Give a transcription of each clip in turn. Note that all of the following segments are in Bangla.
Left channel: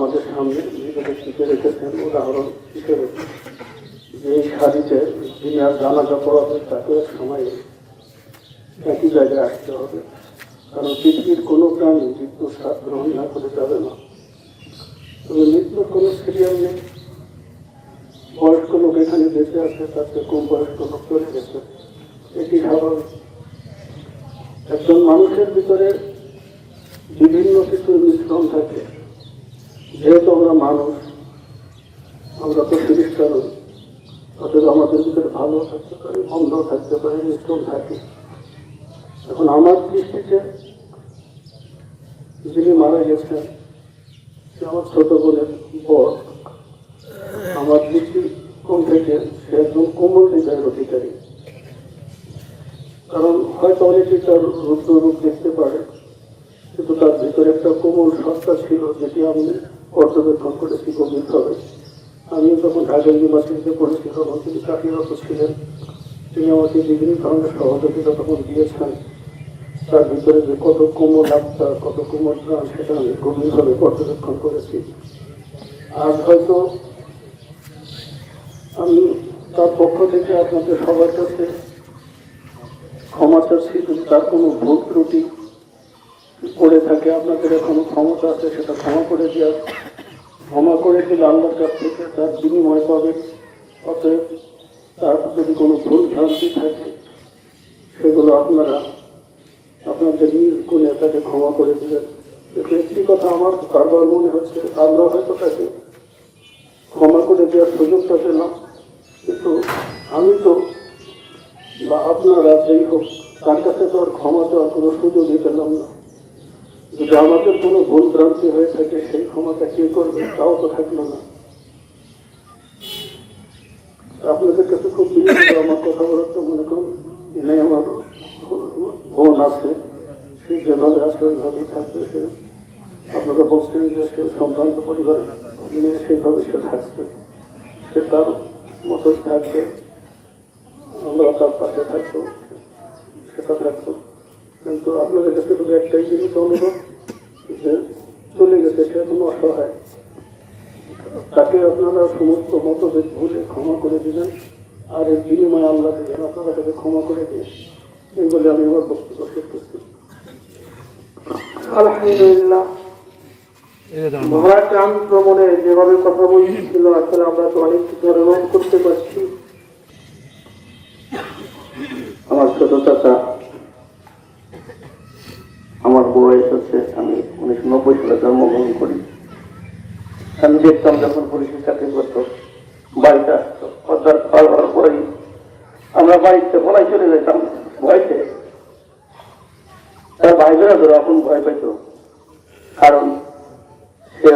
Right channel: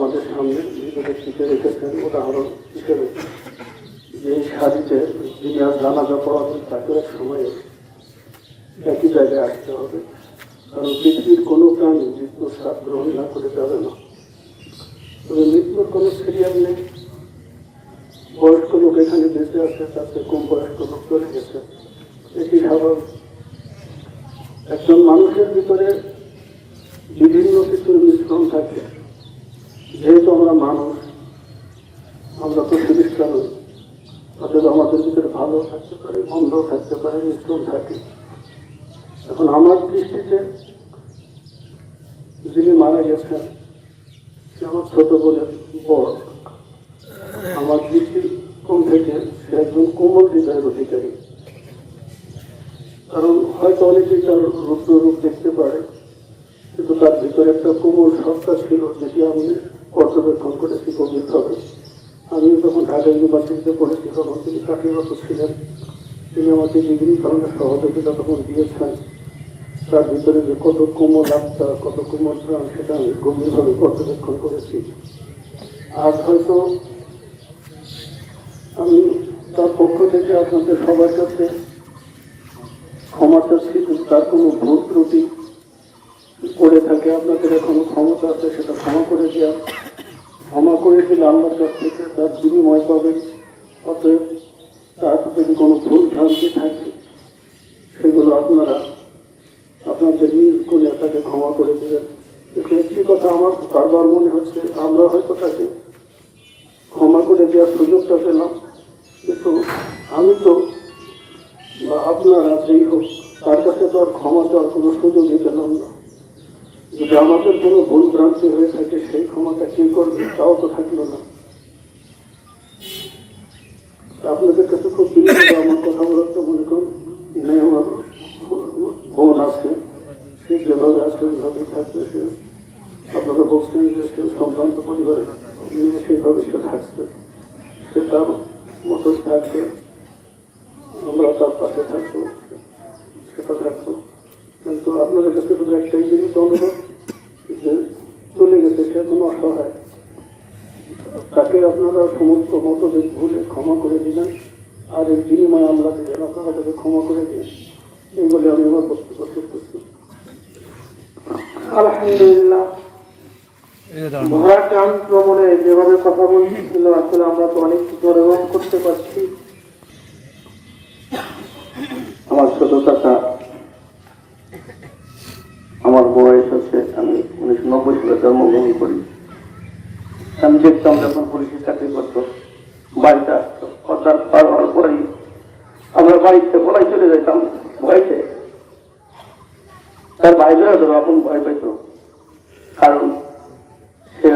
আমাদের সামনে শিখে রেখেছেন উদাহরণ হিসেবে যে শাড়িতে দুনিয়া জানাজা পড়াবে তাকে সময় একই জায়গায় আসতে হবে। কারণ পৃথিবীর কোনো প্রাণী স্বাদ গ্রহণ না করে যাবে না। তবে মৃত্যুর কোনো সিরিয়াল নেই। বয়স্ক লোক এখানে বেঁচে আছে তাতে কম বয়স্ক লোক চলে গেছে। এটি স্বাভাবিক একজন মানুষের ভিতরে বিভিন্ন কিছুর মিশ্রণ থাকে। যেহেতু আমরা মানুষ, আমরা তো চিকিৎসা নই আমাদের ভিতরে ভালো থাকতে পারে, মন্দ থাকতে পারে মিশ্রণ থাকে। এখন আমার দৃষ্টিতে যিনি মারা গেছেন আমার ছোট বলে বর। আমার দৃষ্টি কোন থেকে সে একজন কোমল হৃদয়ের অধিকারী। কারণ হয়তো অনেকে তার রুদ্র রূপ দেখতে পারে, কিন্তু তার ভিতরে একটা কোমল সত্তা ছিল যেটি আমি পর্যবেক্ষণ করেছি গভীরভাবে আমি যখন ঢাকা ইউনিভার্সিটিতে পড়েছি তখন তিনি চাকরিরত ছিলেন। তিনি আমাকে বিভিন্ন ধরনের সহযোগিতা তখন দিয়েছেন। তার ভিতরে যে কত কোমল আত্মা, কত কোমল প্রাণ, সেটা আমি গভীরভাবে পর্যবেক্ষণ করেছি। আর হয়তো আমি তার পক্ষ থেকে আপনাদের সবার কাছে ক্ষমা চাচ্ছি তার কোনো ভুল ত্রুটি করে থাকে, আপনাদের এখনও ক্ষমতা আছে, সেটা ক্ষমা করে দেওয়া ক্ষমা করে কাছ থেকে তার বিনিময় পাবে। অতএব তার যদি কোনো ভুল ভ্রান্তি থাকে, সেগুলো আপনারা আপনাদের নিজ করে তাকে ক্ষমা করে দেবেন। একটি কথা আমার বারবার মনে হচ্ছে আমরা হয়তো তাকে ক্ষমা করে দেওয়ার সুযোগ পাবে না। কিন্তু আমি তো বা আপনারা যেই হোক, তার কাছে তো আর ক্ষমা আর কোনো সুযোগই পেলাম না। যদি আমাদের কোনো ভুল ভ্রান্তি হয়ে থাকে, সেই ক্ষমাটা কে করবে? তাও তো থাকল না। আপনাদের কাছে খুব বিনীত আমার কথা তো মনে করুন? আমার বোন আছে, সে যেভাবে আছে, ওইভাবেই থাকবে সে। আপনারা বলছেন যে সে সন্তান পরিবার নিয়ে সেইভাবে সে থাকবে। সে তার মতো থাকবে। আমরা তার পাশে থাকব। সে সেটা থাকব কিন্তু আপনাদের কাছে শুধু একটাই জিনিস অনুরোধ যে চলে গেছে, সে কোনো অসহায়। তাকে আপনারা সমস্ত মতো মতভেদ ভুলে ক্ষমা করে দিবেন, আর এর বিনিময়ে আল্লাহ দিবেন আপনারা তাকে ক্ষমা করে দিন, এই বলে আমি শেষ করছি। আলহামদুলিল্লাহ। মহারাম ভ্রমণে যেভাবে কথা বলছিল, আসলে আমরা তো অনেক কিছু অনুভব করতে পারছি। আমার ছোট চাচা আমার বয়স হচ্ছে আমি উনিশশো নব্বই সালে জন্মগ্রহণ করি আমি দেখতাম যখন পুলিশের চাকরি করতো, বাড়িতে আসতো অর্থাৎ পার হওয়ার আমরা বাড়িতে পলাই চলে যেতাম, ভয়তে। তার বাইরেরা ধরো এখন ভয় পেত। কারণ সে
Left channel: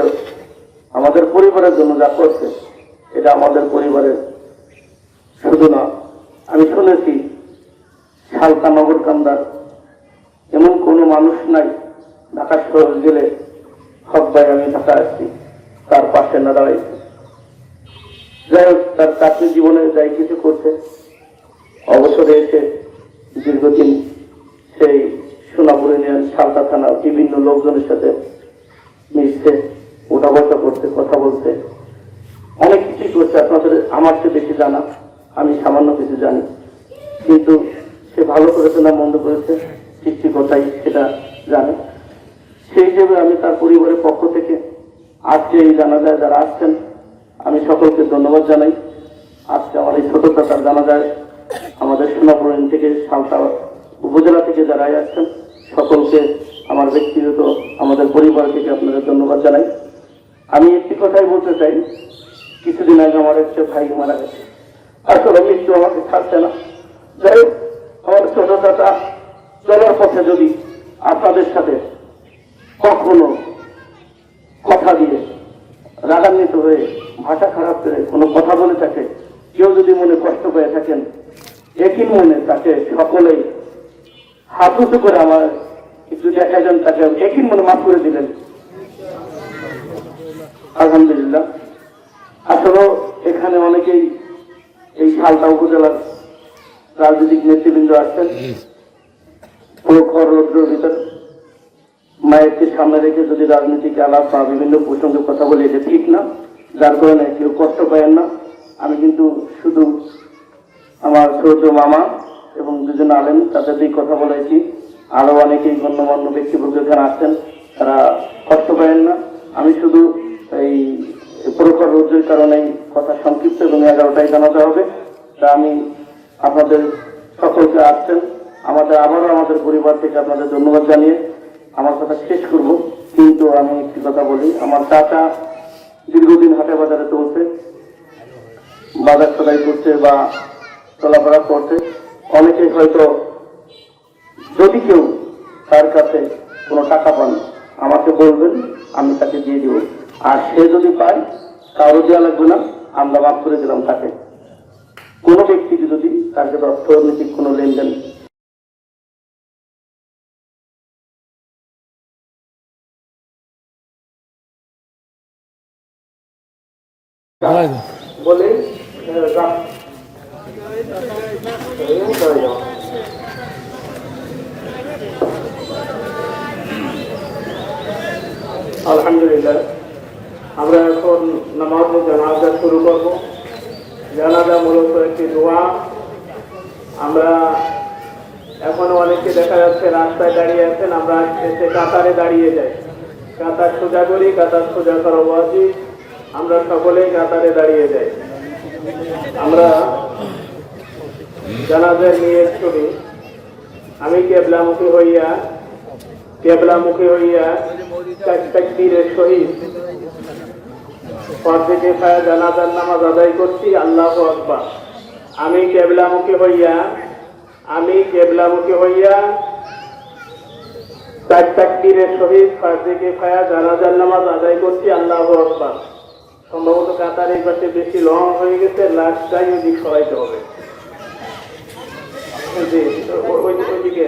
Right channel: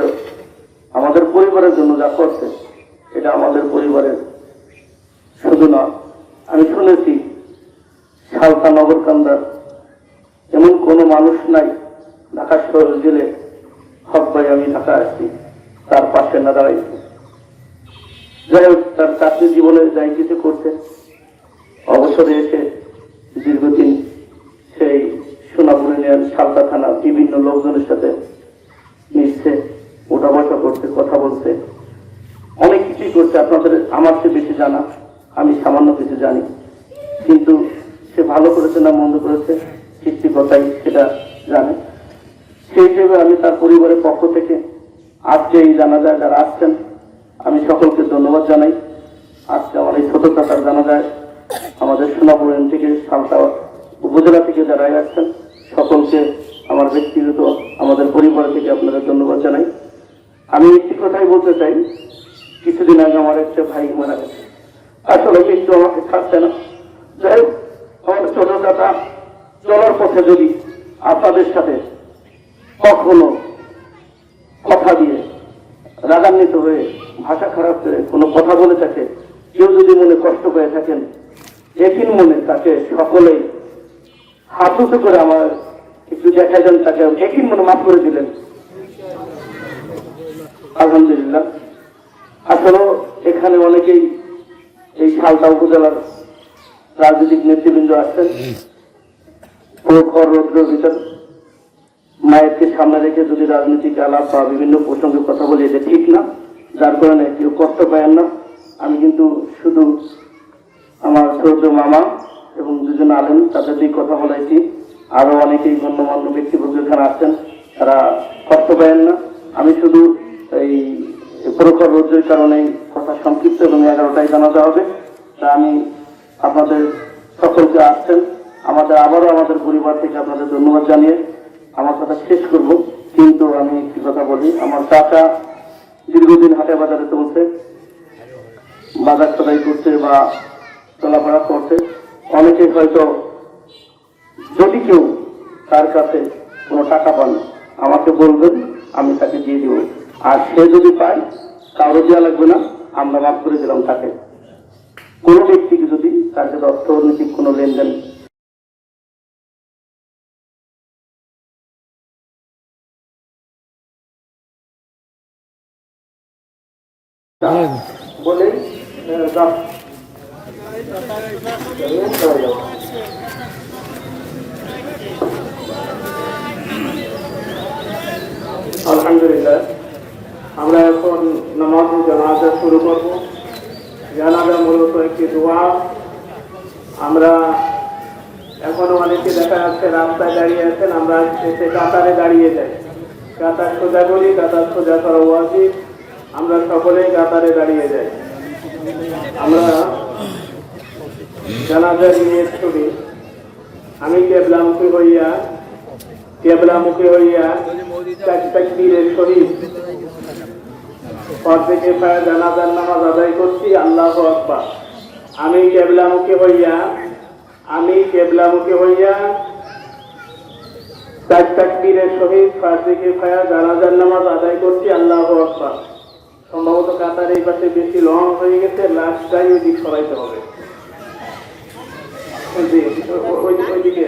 আমাদের পরিবারের জন্য যা করছে, এটা আমাদের পরিবারের শুধু না, আমি শুনেছি সালতা নগর কান্দার এমন কোনো মানুষ নাই শহর জেলে হক ভাই আমি ঢাকা আসছি, তার পাশে না দাঁড়াইছে যাই হোক, তার চাকরি জীবনে যাই কিছু করছে অবসর এসে দীর্ঘদিন সেই সোনাপুর ইউনিয়ন সালতা থানা বিভিন্ন লোকজনের সাথে মিশছে ওঠা বসা করছে, কথা বলছে। অনেক কিছুই করছে, আপনাদের আমার চেয়ে বেশি জানা, আমি সামান্য কিছু জানি। কিন্তু সে ভালো করেছে না মন্দ করেছে সৃষ্টিকর্তাই সেটা জানে। সেই হিসেবে আমি তার পরিবারের পক্ষ থেকে আজকে এই জানা যায় যারা আসছেন আমি সকলকে ধন্যবাদ জানাই। আজকে আমার এই ছোট টাকার জানা যায় আমাদের সোনাপুর থেকে সালতা উপজেলা থেকে যারা আসছেন সকলকে আমার ব্যক্তিগত আমাদের পরিবার থেকে আপনাদের ধন্যবাদ জানাই। আমি একটি কথাই বলতে চাই কিছুদিন আগে আমার একটা ভাই মারা গেছে। আসলে মৃত্যু আমাকে ছাড়ছে না। যাই হোক, আমার ছোট দাদা চলার পথে যদি আপনাদের সাথে কখনো কথা দিয়ে রাগান্বিত হয়ে ভাষা খারাপ করে কোনো কথা বলে থাকে কেউ যদি মনে কষ্ট করে থাকেন একই মনে তাকে সকলেই হাত উঁচু করে আমার একটু দেখাইলেন তাকে একই মনে মাফ করে দিলেন আলহামদুলিল্লাহ। আসলেও এখানে অনেকেই এই সালতা উপজেলার রাজনৈতিক নেতৃবৃন্দ আছেন। প্রখর রৌদ্রের ভিতর। মায়েরকে সামনে রেখে যদি রাজনৈতিক আলাপ বা বিভিন্ন প্রসঙ্গে কথা বলি, এটা ঠিক না। যার কারণে কেউ কষ্ট পায়েন না। আমি কিন্তু শুধু আমার ছোট মামা এবং দুজন আলেন তাদের দিয়ে কথা বলেছি। আরও অনেকেই গণ্যমান্য ব্যক্তিবর্গ এখানে আসছেন তারা কষ্ট পায়েন না। আমি শুধু এই প্রখর রোদ্রের কারণে কথা সংক্ষিপ্ত এবং এগারোটায় জানাতে হবে। তা আমি আপনাদের সকলকে আসছেন। আমাদের আবারও আমাদের পরিবার থেকে আপনাদের ধন্যবাদ জানিয়ে আমার কথা শেষ করব, কিন্তু আমি একটি কথা বলি। আমার কাকা দীর্ঘদিন হাটে বাজারে চলছে, বাজার সদাই করছে বা চলাফেরা করছে। অনেকে হয়তো যদি কেউ তার কাছে কোনো টাকা পান, আমাকে বলবেন, আমি তাকে দিয়ে দেবো। আর সে যদি পায়, কারও দেওয়া লাগবে না, আমরা মাফ করে দিলাম তাকে। কোনো ব্যক্তিকে যদি তার কাছে অর্থনৈতিক কোনো লেনদেন বলে আলহামদুলিল্লাহ, আমরা এখন নামাজ জানাজা শুরু করব। জানাজা মূলত একটি দোয়া। আমরা এখনও অনেকে দেখা যাচ্ছে রাস্তায় দাঁড়িয়ে আছেন, আমরা এসে কাতারে দাঁড়িয়ে যাই। কাতার সোজা করি কাতার সোজা করা উচিত আমরা সকলেই কাতারে দাঁড়িয়ে যাই। আমরা জানাজার নিয়ে করি আমি কেবলামুখী হইয়া কেবলামুখী হইয়া তাকবীরের সহিত পর থেকে জানাজার নামাজ আদায় করছি, আল্লাহ আকবার। আমি কেবলামুখী হইয়া, আমি কেবলামুখী হইয়া তাকবীরের সহিত ফার্সিকে ফায়া জানাজার নামাজ আদায় করছি, আল্লাহ আকবার। সম্ভবত কাতার এই পাশে বেশি লং হয়ে গেছে লাস্টটাই ওদিক সরাইতে হবে। ওইদিকে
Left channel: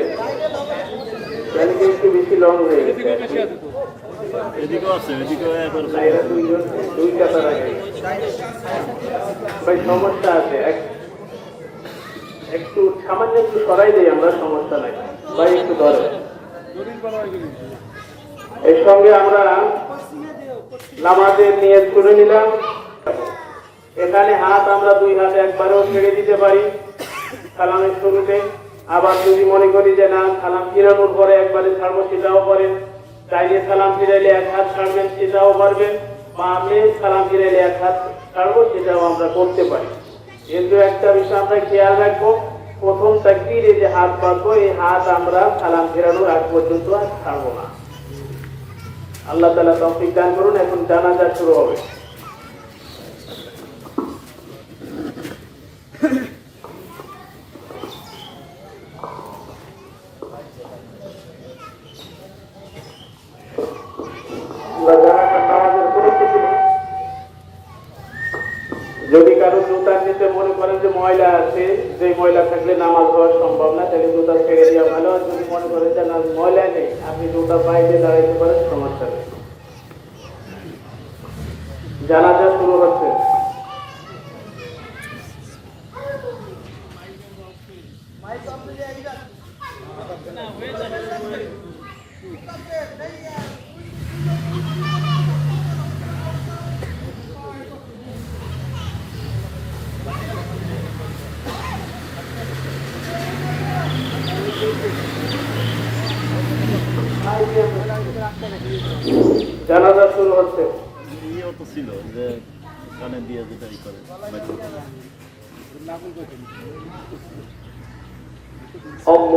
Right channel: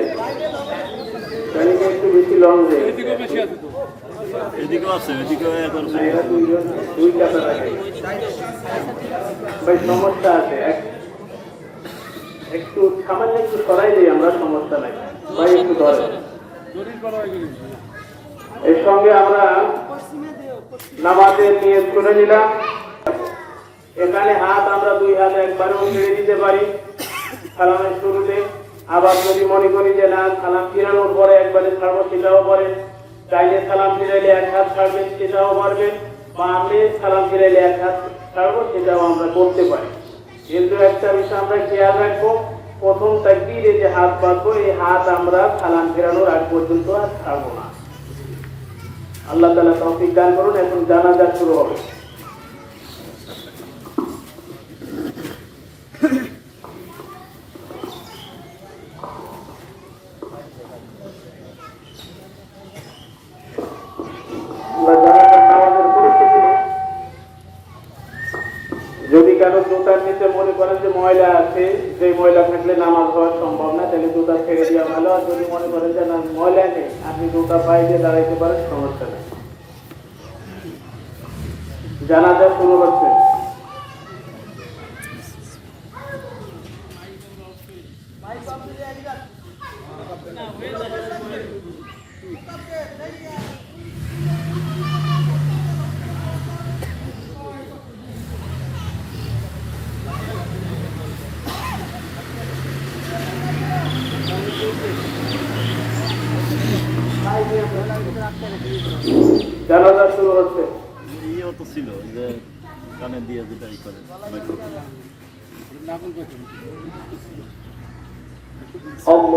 একটু বেশি লং হয়ে গেছে। দুই কাতার সমস্যা আছে। একটু সামান্য একটু সরাই দিই আমরা সমস্যা নাই। ভাই একটু ধরে এর সঙ্গে আমরা নামাজের নিয়ত করে নিলাম। এখানে হাত আমরা দুই হাত একবারেও ছেড়ে দিতে পারি। সালামের শুরুতে আবার যদি মনে করি যে না সালাম ফিরানোর পরে একবারে ছাড়বো, সেটাও করেন। চাইলে সালাম ফিরাইলে এক হাত ছাড়বেন, সেটাও পারবেন বা আপনি সালাম ফিরাইলে এক হাত ছাড়বো, সেটাও আমরা করতে পারি। কিন্তু একটা বিষয় আমরা খেয়াল রাখব, প্রথম তাকবীরে যে হাত বাঁধবো এই হাত আমরা সালাম ফেরানোর আগ পর্যন্ত আর ছাড়বো না। আল্লাহ তালা তৌফিক দান করুন এখন জানাজা শুরু হবে। কারও জুতার নিচে মনে করেন যে ময়লা আছে, যে ময়লা থাকলে নামাজ হওয়া সম্ভব না, তাহলে জুতা ছেড়ে দেওয়া ভালো। আর যদি মনে করেন যে না, ময়লা নেই, আপনি জুতা পাইতে দাঁড়াইতে পারেন, সমস্যা নেই। জানাজা শুরু হচ্ছে। ao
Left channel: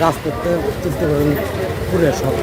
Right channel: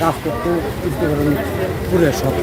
রাজপথে চেষ্টা করেন পুরে সব।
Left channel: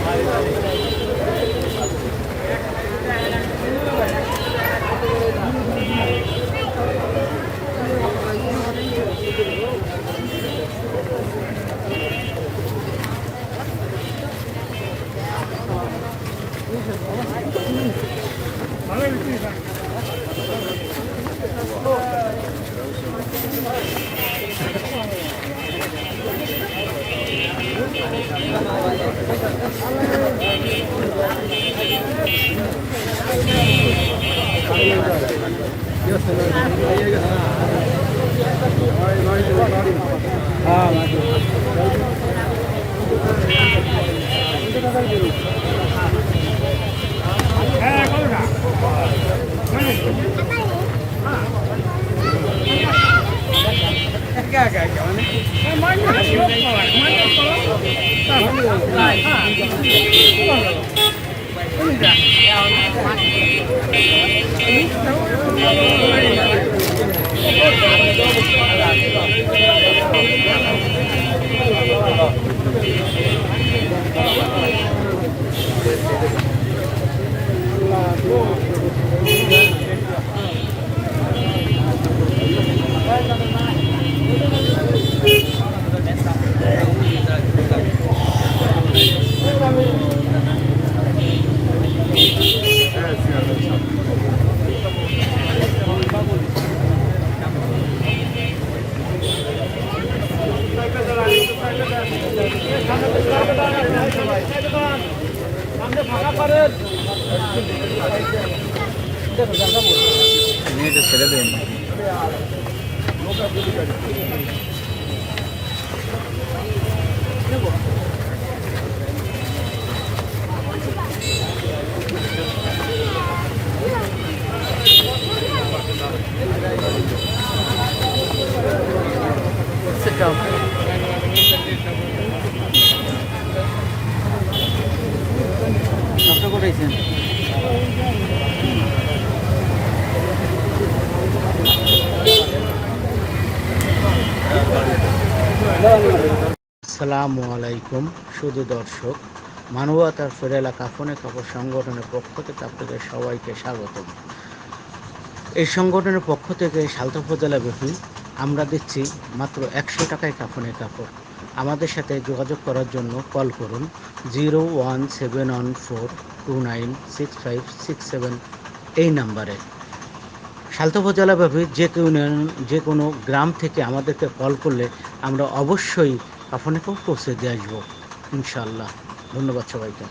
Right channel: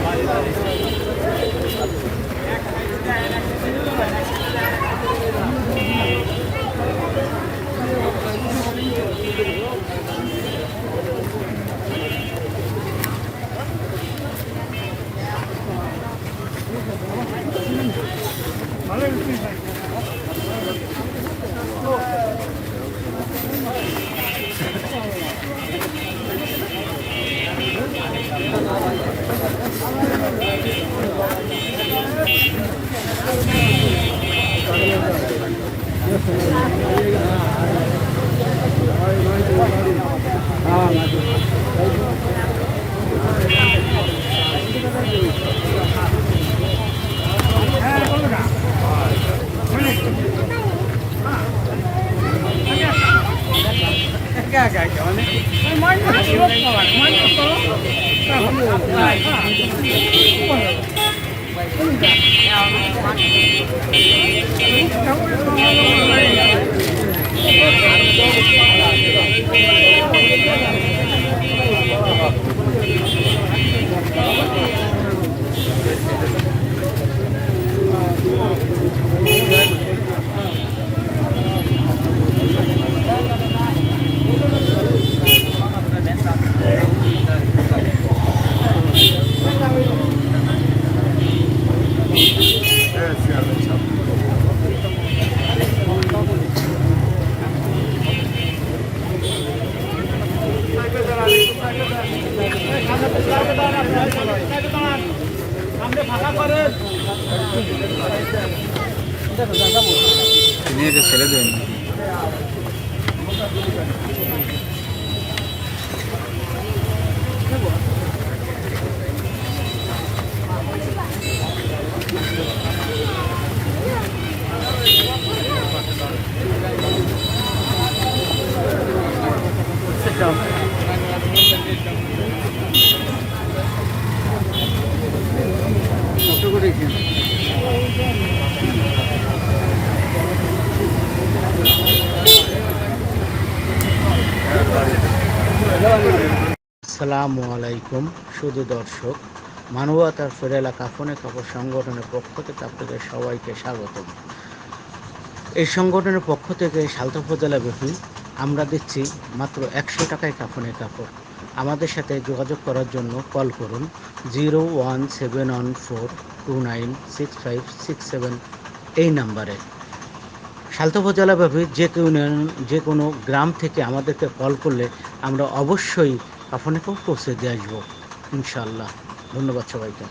ছেড়ে দেবেন আসসালামু আলাইকুম, শুধু দর্শক, মানবতার ফেরেলা কাফনে কাপড় সংগঠনের পক্ষ থেকে আপনাদের সবাইকে স্বাগতম। এই সংগঠনের পক্ষ থেকে সালতা উপজেলা ব্যাপী আমরা দিচ্ছি মাত্র একশো টাকায় কাফনে কাপড়। আমাদের সাথে যোগাযোগ করার জন্য কল করুন zero one seven one four two nine six five six seven এই নাম্বারে। সালতা উপজেলাব্যাপী যে কোনো যে কোনো গ্রাম থেকে আমাদেরকে কল করলে আমরা অবশ্যই কাফনে পৌঁছে দিয়ে আসব ইনশাল্লাহ ধন্যবাদ সবাইকে।